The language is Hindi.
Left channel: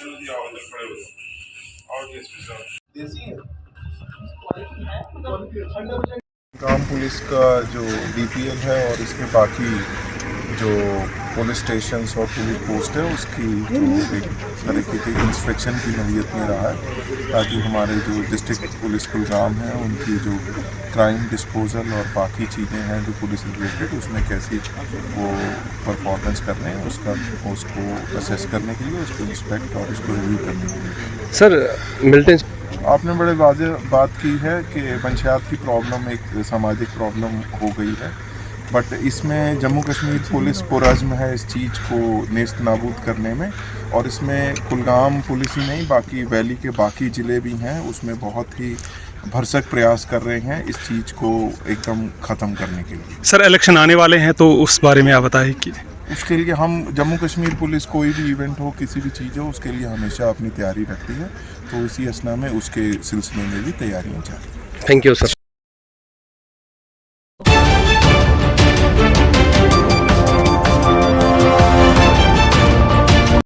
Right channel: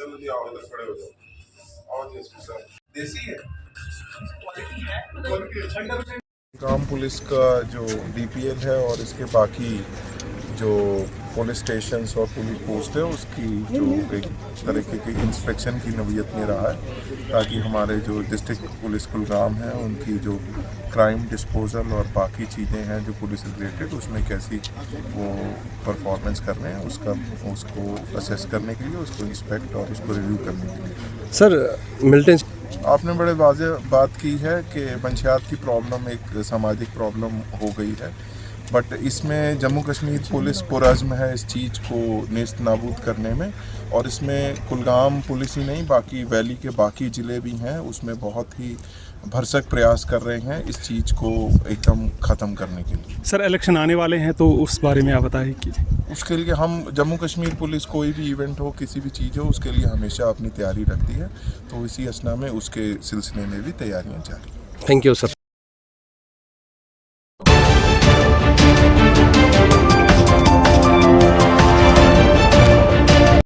चलो जी आओ इधर खड़े हो जाओ। आओ डीएसपी साहब। देसी है, क्वालिटी है, क्वालिटी 100%। गांव पुलिस का जो डीपीएल है और इसके बाकी जो पुलिस स्टेशंस और पुलिस पोस्ट है उसकी जो एक तरीके की इंस्पेक्शन की नौयत में रहा है, ताकि हमारे जो डिस्ट्रिक्ट पुलिस कुलगाम है उनकी जो क्राइम डिस्पोजल और बाकी चीज़ें हैं जो पुलिस रिलेटेड उसमें कैसी वो परफॉर्मेंस कर रहे हैं उसको असेस करने के लिए, उसको इंस्पेक्ट और उसको रिव्यू करने के लिए। सर मिलिटेंट आपने बड़े वाज़ेह बात की है कि मंशियात की प्रॉब्लम एक सामाजिक प्रॉब्लम हो गई है, बट इसमें जम्मू कश्मीर पुलिस पुरज़्म है इस चीज़ को नेस्त नाबूद करने में, और इसमें कुलगाम पुलिस ही नहीं बाकी वैली के बाकी ज़िले भी हैं उसमें बहुत ही भरसक प्रयास कर रहे हैं इस चीज़ को एकदम ख़त्म करने के लिए। सर इलेक्शन आने वाले हैं तो उस बारे में आप बताएं कि उसके लिए हम जम्मू कश्मीर पुलिस कोई भी इवेंट हो किसी भी चीज़ हो उसके लिए हमेशा अपनी तैयारी रखती है, तो इसी असना में उसके सिलसिले में भी तैयारियाँ जारी। Thank you sir.